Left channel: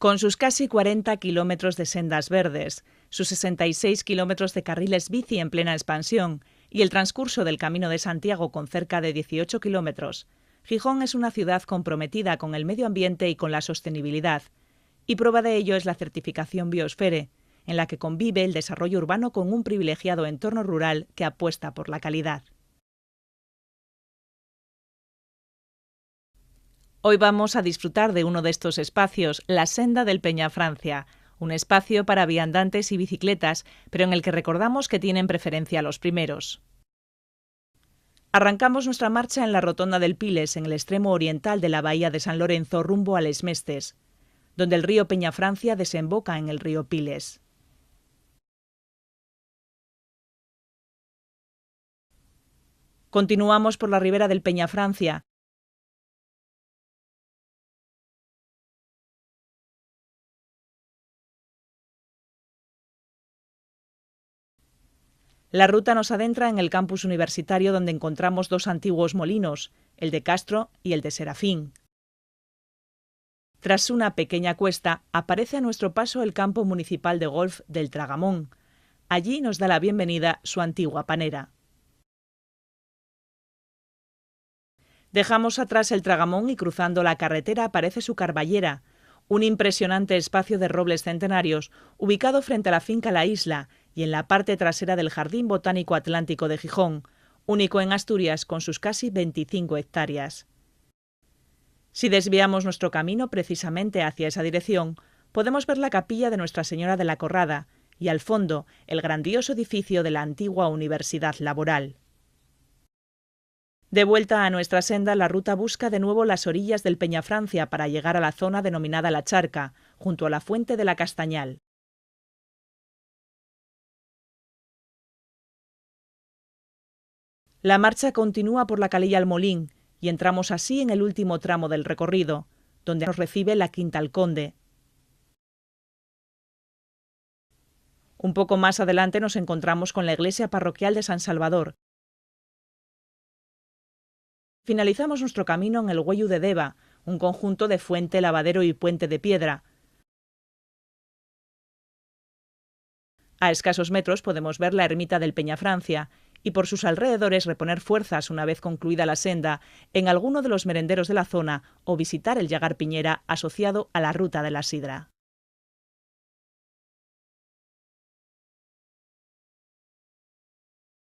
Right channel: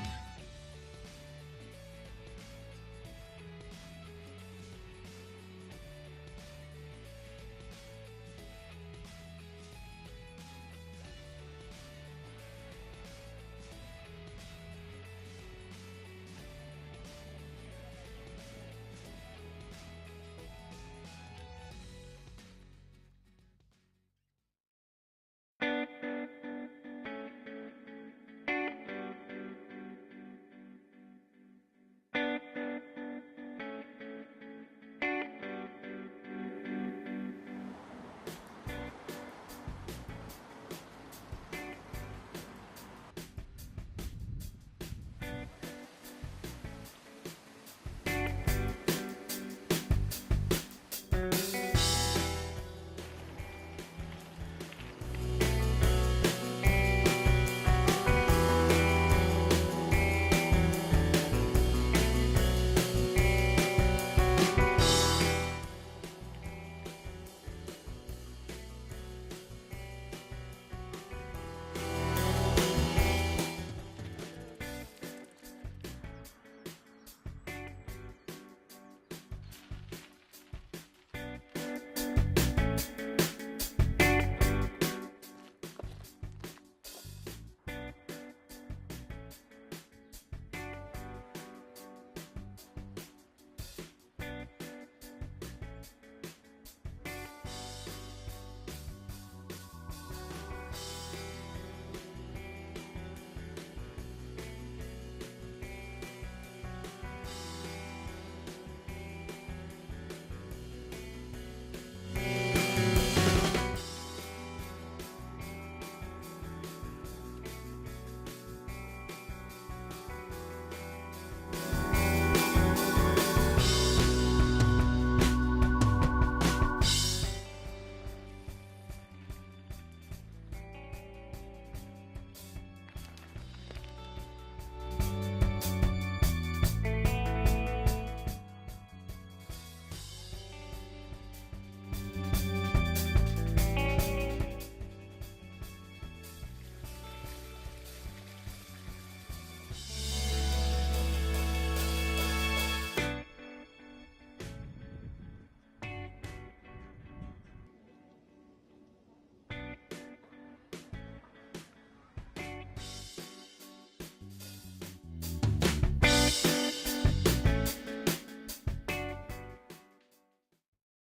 Con sus casi 40 kilómetros de sendas verdes, sus 66 kilómetros de carriles bici en plena expansión y el transcurso del Camino de Santiago con cerca de 18 kilómetros, Gijón es una ciudad comprometida con el medio ambiente y con la sostenibilidad, y prueba de ello es la certificación Biosfere, en la que convive el desarrollo urbano con un privilegiado entorno rural que apuesta por la calidad. Hoy vamos a disfrutar de uno de estos espacios, la Senda del Peñafrancia, un espacio para viandantes y bicicletas, pero en el que recordamos que tienen preferencia los primeros. Arrancamos nuestra marcha en la rotonda del Piles, en el extremo oriental de la bahía de San Lorenzo, rumbo a Les Mestes, donde el río Peñafrancia desemboca en el río Piles. Continuamos por la ribera del Peñafrancia. La ruta nos adentra en el campus universitario, donde encontramos dos antiguos molinos, el de Castro y el de Serafín. Tras una pequeña cuesta, aparece a nuestro paso el campo municipal de golf del Tragamón. Allí nos da la bienvenida su antigua panera. Dejamos atrás el Tragamón y cruzando la carretera aparece su carballera, un impresionante espacio de robles centenarios ubicado frente a la finca La Isla y en la parte trasera del Jardín Botánico Atlántico de Gijón, único en Asturias con sus casi 25 hectáreas. Si desviamos nuestro camino precisamente hacia esa dirección, podemos ver la capilla de Nuestra Señora de la Corrada y al fondo el grandioso edificio de la antigua Universidad Laboral. De vuelta a nuestra senda, la ruta busca de nuevo las orillas del Peñafrancia para llegar a la zona denominada La Charca, junto a la Fuente de la Castañal. La marcha continúa por la Calella al Molín y entramos así en el último tramo del recorrido, donde nos recibe la Quinta al Conde. Un poco más adelante nos encontramos con la iglesia parroquial de San Salvador. Finalizamos nuestro camino en el Güello de Deva, un conjunto de fuente, lavadero y puente de piedra. A escasos metros podemos ver la ermita del Peñafrancia y por sus alrededores reponer fuerzas una vez concluida la senda en alguno de los merenderos de la zona o visitar el Llagar Piñera asociado a la Ruta de la Sidra.